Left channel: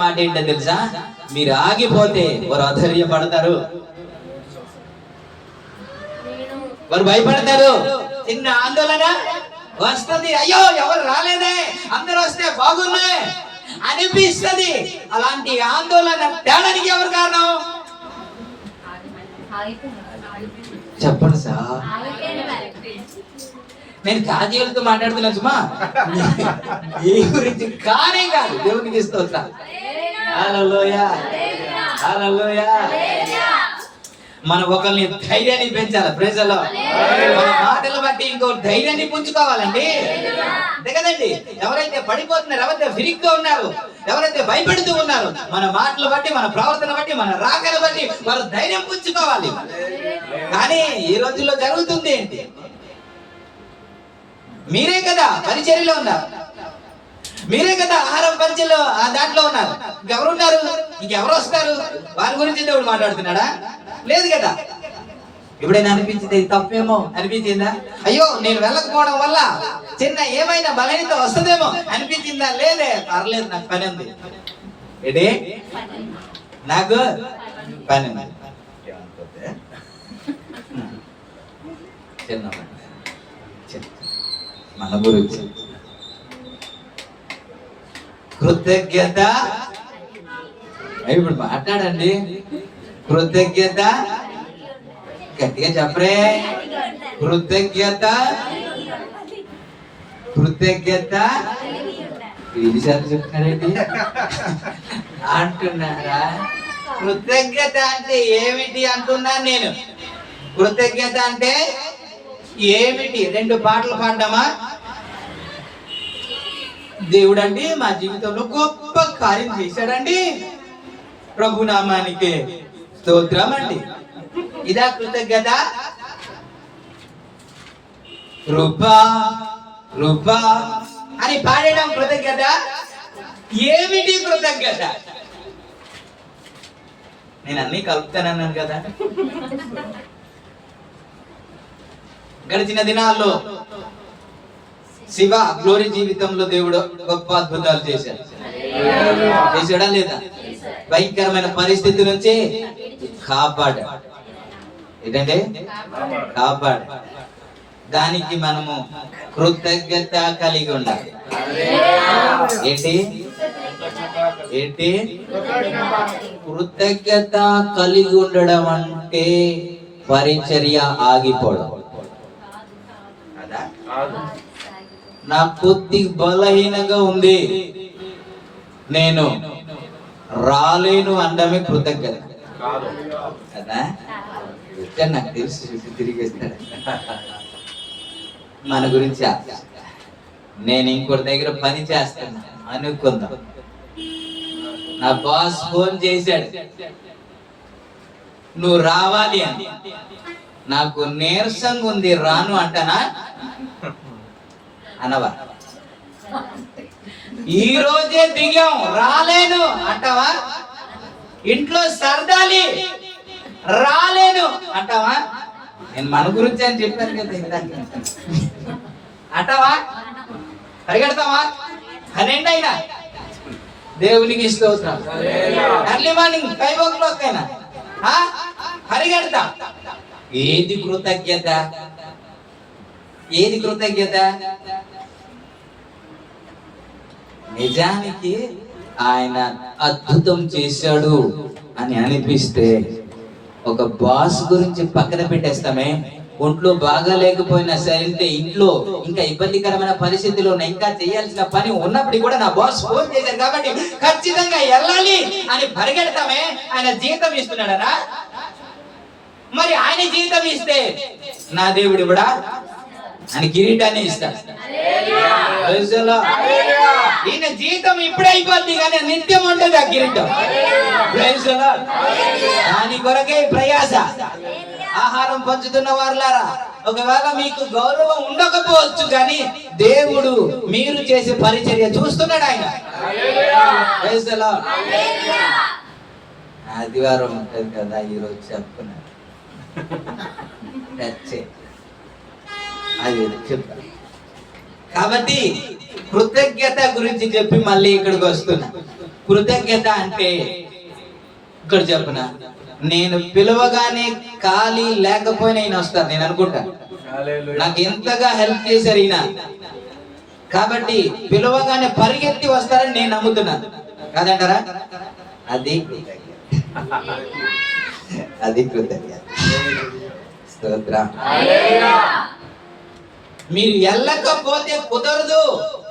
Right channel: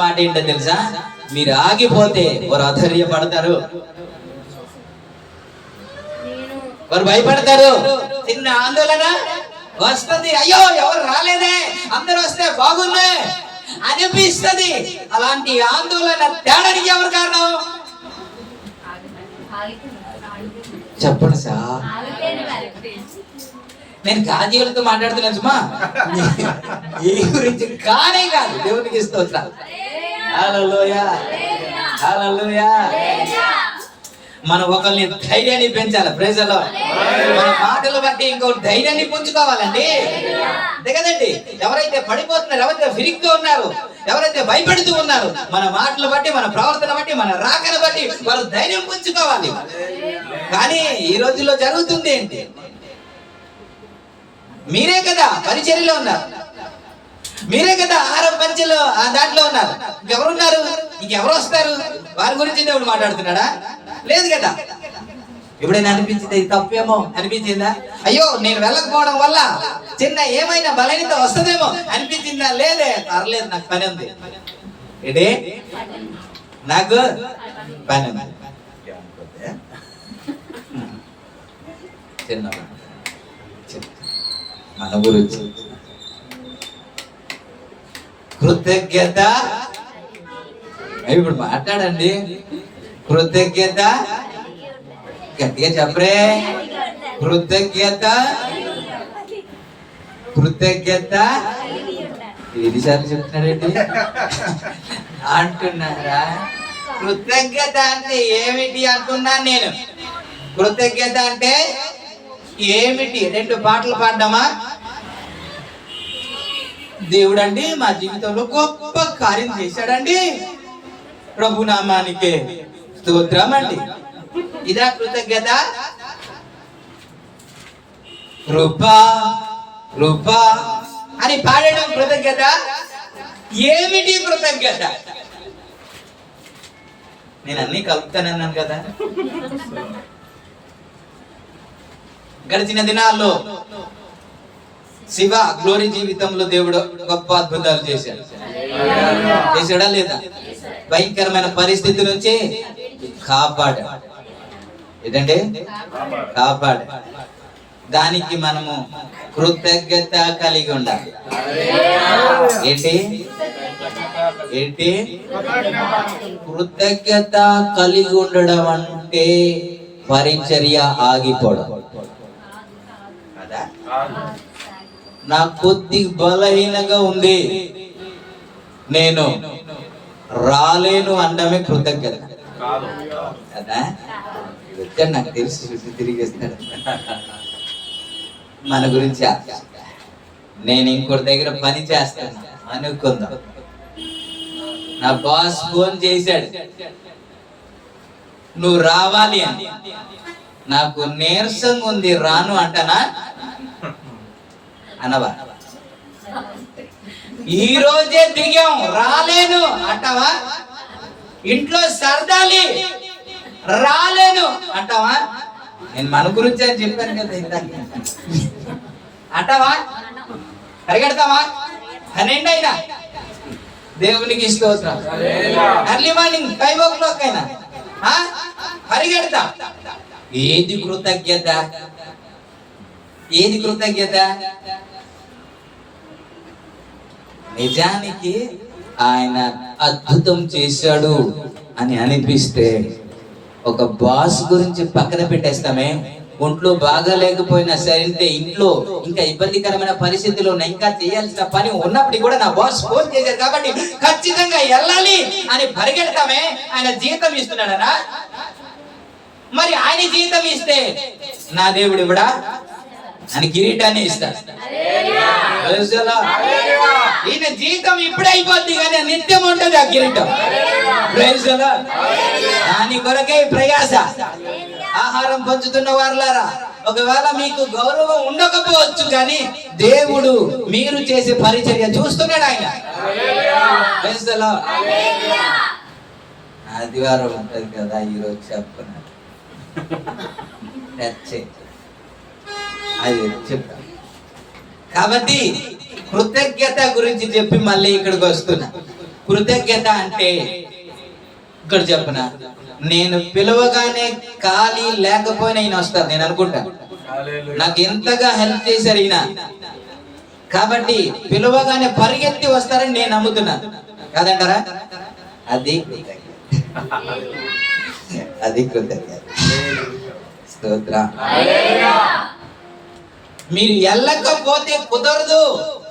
మాట ఏంటో తెలుసా? మీరు ఆగిపోతే వారు అధైర్యపడతారు, వారు భయపడతారు. చిన్న ఆందోళన వస్తుంది, అయ్యో ఎవరు రాలేదే, అందరూ వస్తే బాగుందే అనిపిస్తుంది. అలాంటి ఆందోళన తేడానికి ఎవరు కారణం చెప్పండి సార్. నేను కాజీలతో మాట్లాడుతున్నా సుమా, ఈ గురించి కానే కాదు. దేవునికి స్తోత్రం. హల్లెలూయా, హల్లెలూయా. మనం ఒకరిని ధైర్యాన్ని పెంచాలి. Praise the Lord. మన మాటలు బట్టి ఇంకో ధైర్యాన్ని పుంజుకోవాలండి, అంతే కదండి. ఎవరైతే పడిపోతున్నారు, ఎవరైతే ఫిరిగ్గా ఉన్నారు, ఎవరైతే భయపెడుతూ ఉన్నారు, మన మాటలు బట్టి, మన ప్రవర్తన బట్టి, మన రాకను బట్టి వారు ధైర్యం పుంజుకోవాలి. కానీ ఈ రోజుల్లో జరుగుతుంది ఏంటి? మీరే కదా పరిచర్యలో ఉన్నారు, మీరే కదా ఆహారం పరిచయలో దాంట్లో ఉన్నారు. ఇంకెవరున్నారు? ఇంకెవరు వస్తారు? వారి గురించి దేవుడు మాట్లాడుతున్నాడా? లేదు కదా. ఎప్పుడైనా అనిపించింది తప్పేమో అనిపించిందా? అయ్యో నేను వెళ్ళకపోవడం వల్ల చిన్న ఏమైనా బలహీనత వస్తుందేమో అనిపించిందా? లేదే, పర్లేదు, నాకు పని ఉంది. ఏంటి? నాకు పని ఉంది. చిన్న మన గురించి కృతజ్ఞత. ఇప్పుడు మాట్లాడండి. కృతజ్ఞత గట్టిగా చెప్పరే. కృతజ్ఞత, కృతజ్ఞత. ఎన్నిసార్లు చెప్తున్నారేంటి అంటున్నారా? కృతజ్ఞత అంటే ఏమిటి అంటున్నాను నేను. కృతజ్ఞత అంటే ఏమిటి? 2 పాటలు పాడమా? దేవుడండి మా జీవితంలో గొప్ప కార్యం చేశాడండి, ప్రభు నామానికి స్తోత్రం అండి. ఇదా కృతజ్ఞత? కృపా కృపా అని పాడడం కృతజ్ఞత? ఏమిటి కృతజ్ఞత? నేను అన్ని కలుపుతానన్నాను కదా. గడిచిన దినాల్లో శివ గ్లోరీ జీవితంలో దేవుడు గొప్ప అద్భుతాలు చేశాడు. చేశాడా లేదా? భయంకరమైన పరిస్థితి నుంచి కాపాడు. ఏంటంటే కాపాడు. దానికి మనము కృతజ్ఞత కలిగి ఉండాలి. ఏంటి ఏంటి కృతజ్ఞత కలిగి ఉండడం అంటే పరిచర్య ఆగిపోవడం. నా కొద్ది బలహీనంగా ఉంది, నేను రాలేను అనడమే కృతజ్ఞత కదా. నాకు తెలుసు, తిరిగేస్తాడు మన గురించి. నేను ఇంకోటి దగ్గర పని చేస్తాను అనుకుందాం. నా బాస్ ఫోన్ చేశాడు, నువ్వు రావాలి అని. నాకు నీరసంగా ఉంది, రాను అంటానా? అనవా? ఈ రోజే దిగాం, రాలేను అంటావా? ఇంట్లో సర్దాలి, రాలేను అంటావా? నేను మన గురించి అని చెప్పాను కదా ఇందాక. అంటావా? పరిగెడతావా? అనండి అయినా దేవునికి స్తోత్రం. ఎర్లీ మార్నింగ్ 5 o'clock అయినా పరిగెడతా. ఏది కృతజ్ఞత? ఏది కృతజ్ఞత? నిజానికి ఆయన అద్భుతం చేశాడు అని అనిపిస్తే ఒక బాస్ గురించి పక్కన పెట్టేస్తామే. ఒంట్లో బాగా లేకపోయినా సరే, ఇంట్లో ఇంకా ఇబ్బందికరమైన పరిస్థితుల్లో ఇంకా చేయాల్సిన పని ఉన్నప్పటికీ కూడా నా బాస్ ఫోన్ చేశారు కాబట్టి ఖచ్చితంగా వెళ్ళాలి అని పరిగెడతామే. ఆయన జీతం ఇస్తున్నాడనా? మరి ఆయన జీతం ఇస్తే నా దేవుడు కూడా ఆయన కిరీటాన్ని ఇస్తాడు. ఈయన జీతం ఇప్పుడే అయిపోద్ది కానీ నిత్యం ఉంటుంది ఆ కిరీటం. దాని కొరకే ప్రయాస. ఆహారం పంచుతున్న వారులారా, ఒకవేళ మీకు గౌరవం ఉండకపోవచ్చు కానీ దేవుడు మీరు చేసే పరిచర్య చూస్తున్నాడు ఆయన. ఆదివారం ఉంటది కదా, ఈరోజు చెప్పుకున్నాడు అది చెప్తా. కాబట్టి కృతజ్ఞత గురించి చెప్పి మళ్ళీ ఇక్కడికి వస్తున్నా. కృతజ్ఞత అంటే ఇక్కడ చెప్పన, నేను పిలవగానే ఖాళీ లేకపోయినా ఈయన వస్తారు నేను అనుకుంటాను. నాకు ఎంతగా హెల్ప్ చేశారు ఈయన, కాబట్టి పిలవగానే పరిగెత్తి వస్తారని నేను నమ్ముతున్నాను. కాదంటారా? అది అది కృతజ్ఞత. స్తోత్రం. మీరు వెళ్ళకపోతే కుదరదు,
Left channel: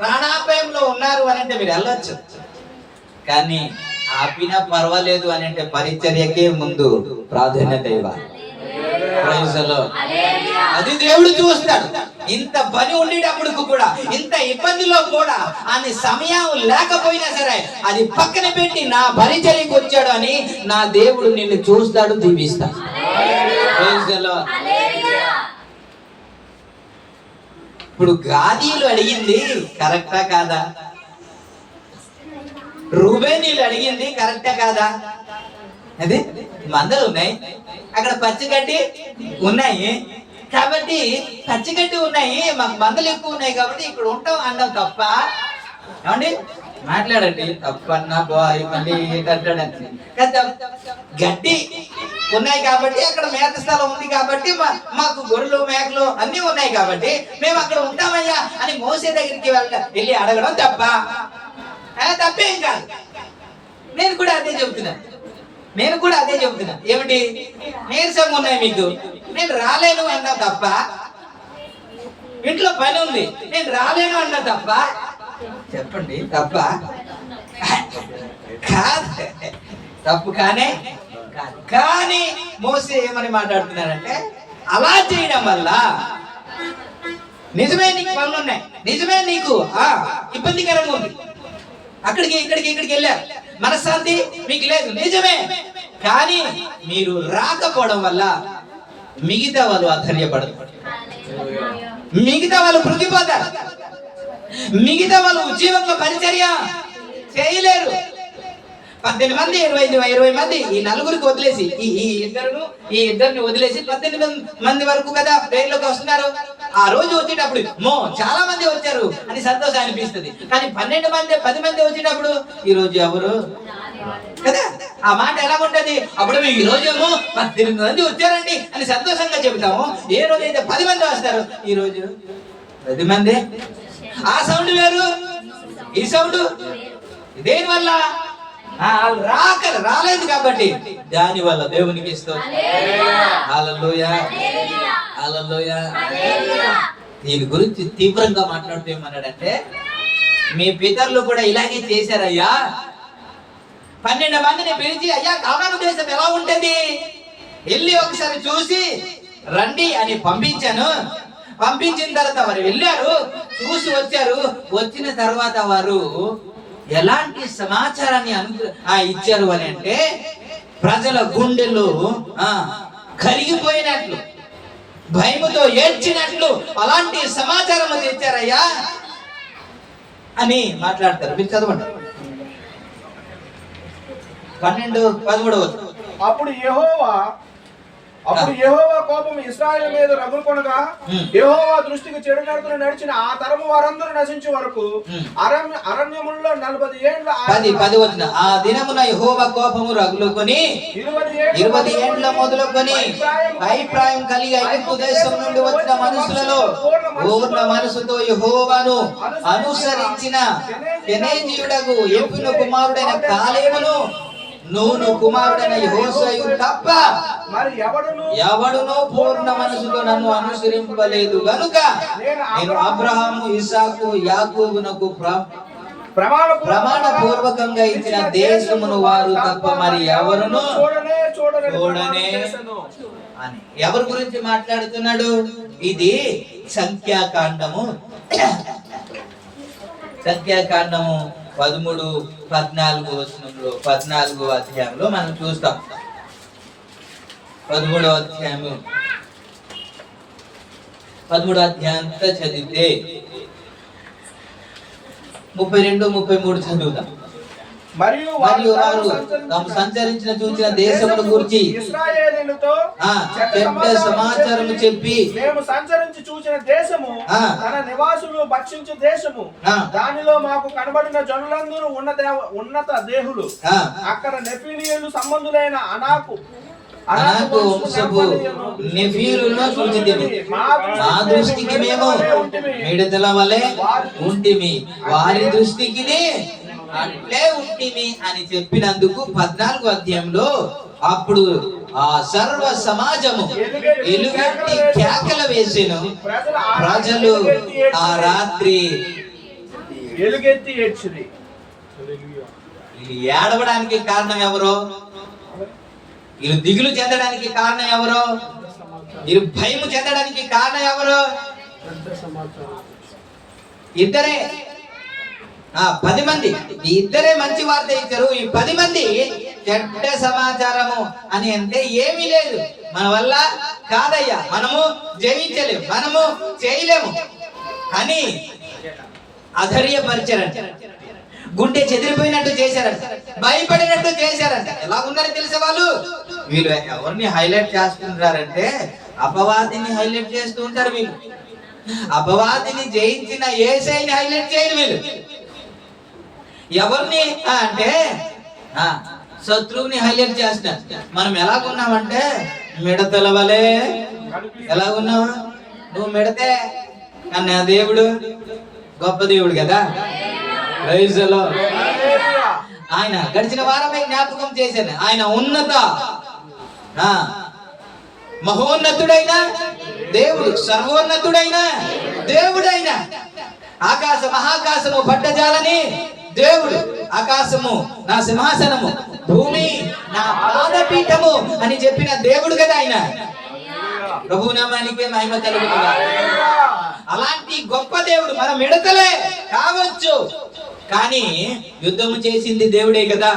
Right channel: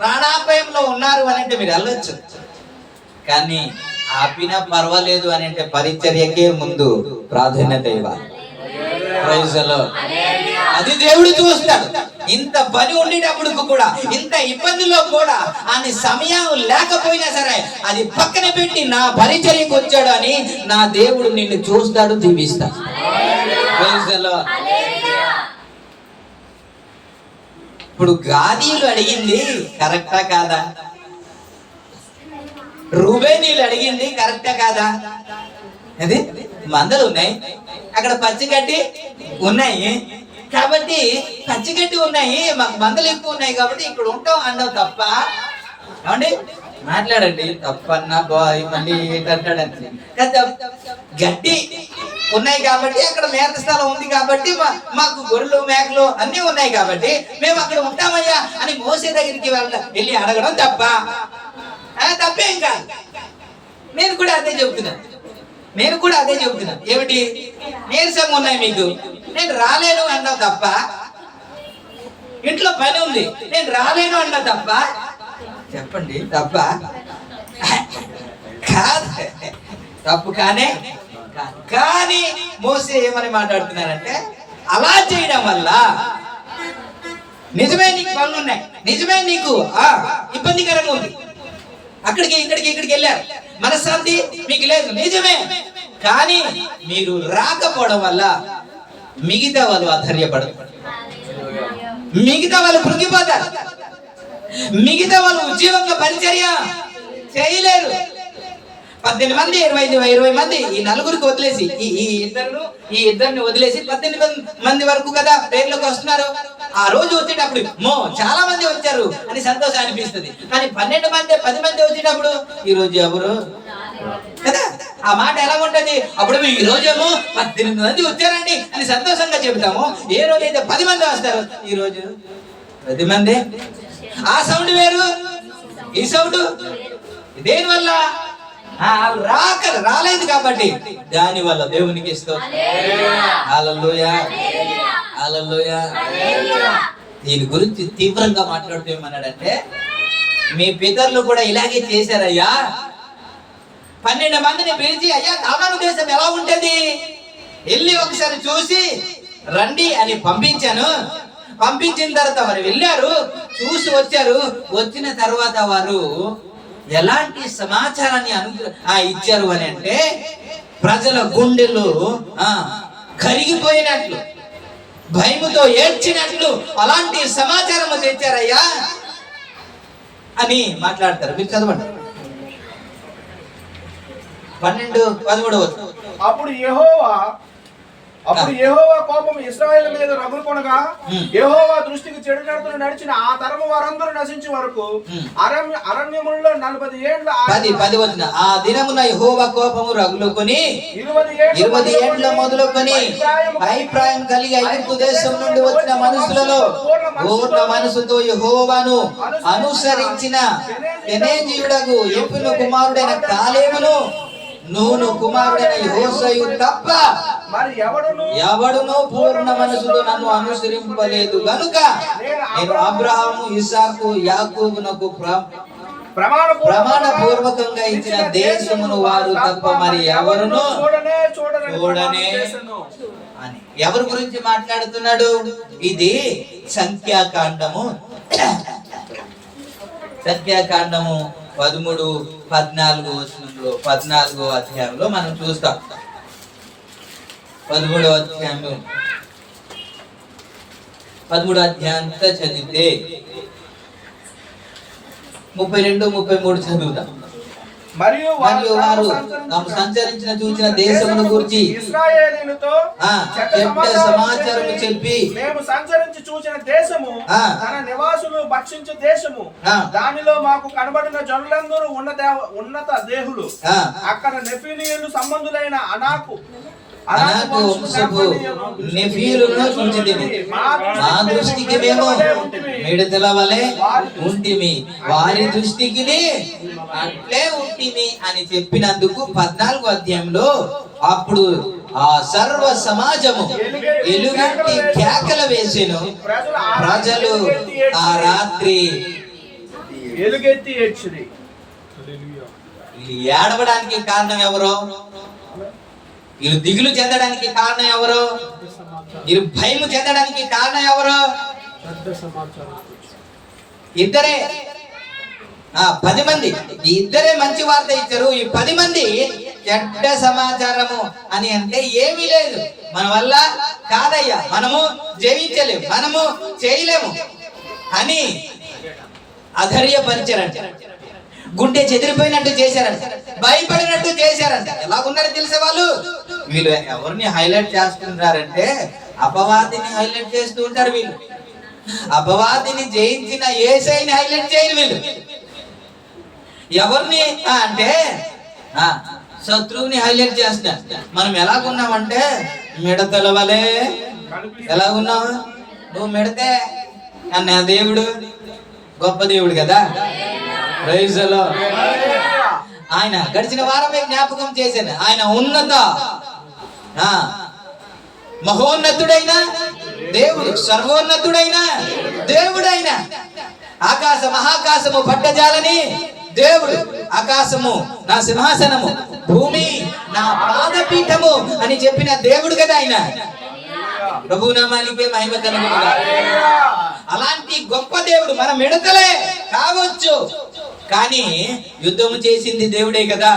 ప్రాణాపాయంలో ఉన్నారు అని అంటే మీరు వెళ్ళొచ్చు, కానీ ఆపినా పర్వాలేదు అని అంటే పరిచర్యకే ముందు ప్రాధాన్యత ఇవ్వాలి. అది దేవుడు చూస్తాడు. ఇంత పని ఉండేటప్పుడు కూడా, ఇంత ఇబ్బందిలో కూడా, అని సమయం లేకపోయినా సరే అది పక్కన పెట్టి నా పరిచర్యకు వచ్చాడు అని నా దేవుడు నిన్ను చూస్తాడు, దీవిస్తాడు. ఇప్పుడు గాదీలు అడిగింది కరెక్టా కాదా? రూబేనీలు అడిగింది కరెక్టా కాదా? అది మందలు ఉన్నాయి, అక్కడ పచ్చిగడ్డి ఉన్నాయి, కాబట్టి పచ్చిగడ్డి ఉన్నాయి, మాకు మందలు ఎక్కువ ఉన్నాయి కాబట్టి ఇక్కడ ఉంటాం అన్నావు తప్ప. ఏమండి మాట్లాడండి, తప్పన్నా బాయ్ మళ్ళీ కట్టాడంటే గడ్డి ఉన్నాయి కాబట్టి, అక్కడ మేత స్థలం ఉంది కాబట్టి, మాకు గొర్రెలు మేకలు అన్ని ఉన్నాయి కాబట్టి మేము అక్కడ ఉంటామయ్యా అని మోసే దగ్గరికి వెళ్ళి అడగడం తప్ప? తప్పేం కాదు. నేను కూడా అదే చెబుతున్నా. ఏమిటి? నీరసంగా ఉన్నాయి మీకు, నేను రాలేను అన్నా తప్ప. ఇంట్లో పని ఉంది, నేను రాలేను అన్నా తప్ప. చెప్పండి, తప్ప కాదు, తప్పు కానే కాదు. కానీ మోసే ఏమని మాట్లాడుతున్నారంటే, అలా చేయడం వల్ల నిజమే నీకు పనులు ఉన్నాయి, నిజమే నీకు ఇబ్బందికరంగా ఉంది, అక్కడికి ఇక్కడికి వెళ్ళారు, మనశ్శాంతి మీకు లేదు, నిజమే. కానీ మీరు రాకపోవడం వల్ల మిగతా వాళ్ళు ఆశ్చర్యపడరు, మిగతా వాళ్ళు కృంగిపోతారు, మిగతా వాళ్ళు ఉద్యోగంగా పరిచర్య చేయలేరు. 18 మంది 20 మంది ఈ నలుగురికి వదిలేసి, ఈ ఇద్దరిని వదిలేసి 18 మంది వరకు కదా పేర్లోకి వస్తున్నారు. ఆ రోజు వచ్చేటప్పుడు చాలా మంది వచ్చారు అని సంతోషం అనిపిస్తుంది. కానీ 12 మంది 10 మంది వచ్చేటప్పుడు ఈ రోజు ఎవరు కదా, ఆ మాట ఎలా ఉంటది? అప్పుడు మేము ఈ రోజేమో 18 మంది వచ్చారండి అని సంతోషంగా చెబుతాము. ఏ రోజు అయితే 10 మంది వస్తారు, ఈ రోజు 10 మంది. ఆ సౌండ్ వేరు, ఈ సౌండ్. దేని వల్ల? రాలేదు కాబట్టి, దాని వల్ల దేవునికి హల్లెలూయా. దీని గురించి తీవ్రంగా మాట్లాడుతూ ఏమన్నాడంటే, మీ పితరులు కూడా ఇలాగే చేశారయ్యా. 12 మందిని పిలిచి, అయ్యా కానాను దేశం ఎలా ఉంటది వెళ్ళి ఒకసారి చూసి రండి అని పంపించాను. పంపించిన తర్వాత వారు వెళ్ళారు, చూసి వచ్చారు. వచ్చిన తర్వాత వారు ఎలాంటి సమాచారాన్ని ఇచ్చారు అని అంటే, ప్రజల గుండెలు కరిగిపోయినట్లు, భయముతో ఏడ్చినట్లు అలాంటి సమాచారం తెచ్చారయ్యా అని మాట్లాడతారు. మీరు చదవండి 12-13. అప్పుడు యెహోవా కోపం ఇశ్రాయేలు మీద రగులుకొనగా, యెహోవా దృష్టికి చెడు నడతలు నడిచిన ఆ తరము వారందరూ నశించే వరకు అరణ్యములలో 40 ఏండ్ల 10 ఆ దినమున యెహోవా కోపము రగులుకొని 20 ఏండ్ల మొదలుకొని అభిప్రాయం కలిగి ఐగుప్తు దేశం నుండి వచ్చిన మనుషులలో పూర్ణ మనసుతో యెహోవాను అనుసరించిన కెనేజీయుడగు యెఫును కుమారుడైన కాలేబును, నూను కుమారుడైన యెహోషువయు తప్ప మరి ఎవడును పూర్ణ మనసుతో నన్ను అనుసరింపలేదు గనుక నేను అబ్రహాము, ఇస్సాకు, యాకోబునకు ప్రమాణ పూర్వకంగా ఇచ్చిన దేశమును వారు తప్ప మరి ఎవరును చూడనే అని. ఎవరి గురించి మాట్లాడుతున్నాడు? ఇది సంఖ్యాకాండము 13-14 వచనంలో 14వ అధ్యాయంలో మనం చూస్తాం. 13వ అధ్యాయం 13వ అధ్యాయం చదివితే 32-33 చదువుతాం. మరియు వారు తాము సంచరించిన చూచిన దేశమును గురించి ఇశ్రాయేలీయులతో చెడ్డ సమాచారము చెప్పి, మేము సంచరించి చూసిన దేశము తన నివాసులు భక్షించు దేశము, దానిలో మాకు కనబడిన జనులందరూ ఉన్నత దేహులు, అక్కడ నెఫీలీయులు సంబంధులైన అనాకు వంశపు నెఫీలును చూచితిమి. మా దృష్టికి మేము మిడతల వలె ఉంటిమి, వారి దృష్టికి అట్లే ఉంటిమి అని చెప్పినందుకు 14వ అధ్యాయంలో అప్పుడు ఆ సర్వ సమాజము ఎలుగెత్తి కేకలు వేసెను. ప్రజలు ఆ రాత్రి ఎలుగెత్తి ఏడ్చిరి. ఇది ఏడవడానికి కారణం ఎవరో? వీళ్ళు దిగులు చెందడానికి కారణం ఎవరు? వీళ్ళు భయము చెందడానికి కారణం ఎవరు? ఇద్దరే. 10 మంది, ఈ ఇద్దరే మంచి వార్త ఇచ్చారు. ఈ 10 మంది చెడ్డ సమాచారము అని అంటే ఏమీ లేదు, మన వల్ల కాదయ్యా, మనము జయించలేము, మనము చేయలేము అని అధైర్యపరిచారంట, గుండె చెదిరిపోయినట్టు చేశారంట, భయపడినట్టు చేశారంట. ఎలా ఉన్నారో తెలిసే వాళ్ళు వీళ్ళు ఎవరిని హైలైట్ చేస్తున్నారంటే అపవాదిని హైలైట్ చేస్తూ ఉంటారు వీళ్ళు. అపవాదిని జయించిన యేసయ్యని హైలైట్ చేయరు వీళ్ళు. ఎవరిని అంటే శత్రువుని హైలైట్ చేస్తారు. మనం ఎలాగున్నామంటే మిడతల వలె. ఎలాగున్నావు నువ్వు? మిడతే అన్న దేవుడు గొప్ప దేవుడు కదా. ఆయన గడిచిన వారమే జ్ఞాపకం చేశాను. ఆయన ఉన్నత మహోన్నతుడైన దేవుడు, సర్వోన్నతుడైన దేవుడైన, ఆకాశ మహాకాశము పట్టజాలని దేవుడు, ఆకాశము నా సింహాసనము, భూమి నా పాదపీఠము అని చెప్పిన దేవుడు కదా ఆయన. ప్రభునామానికే మహిమ కలుగునుగా. అలాంటి గొప్ప దేవుడు మన మిడతలే కావచ్చు, కానీ యుద్ధము చేసింది దేవుడే కదా.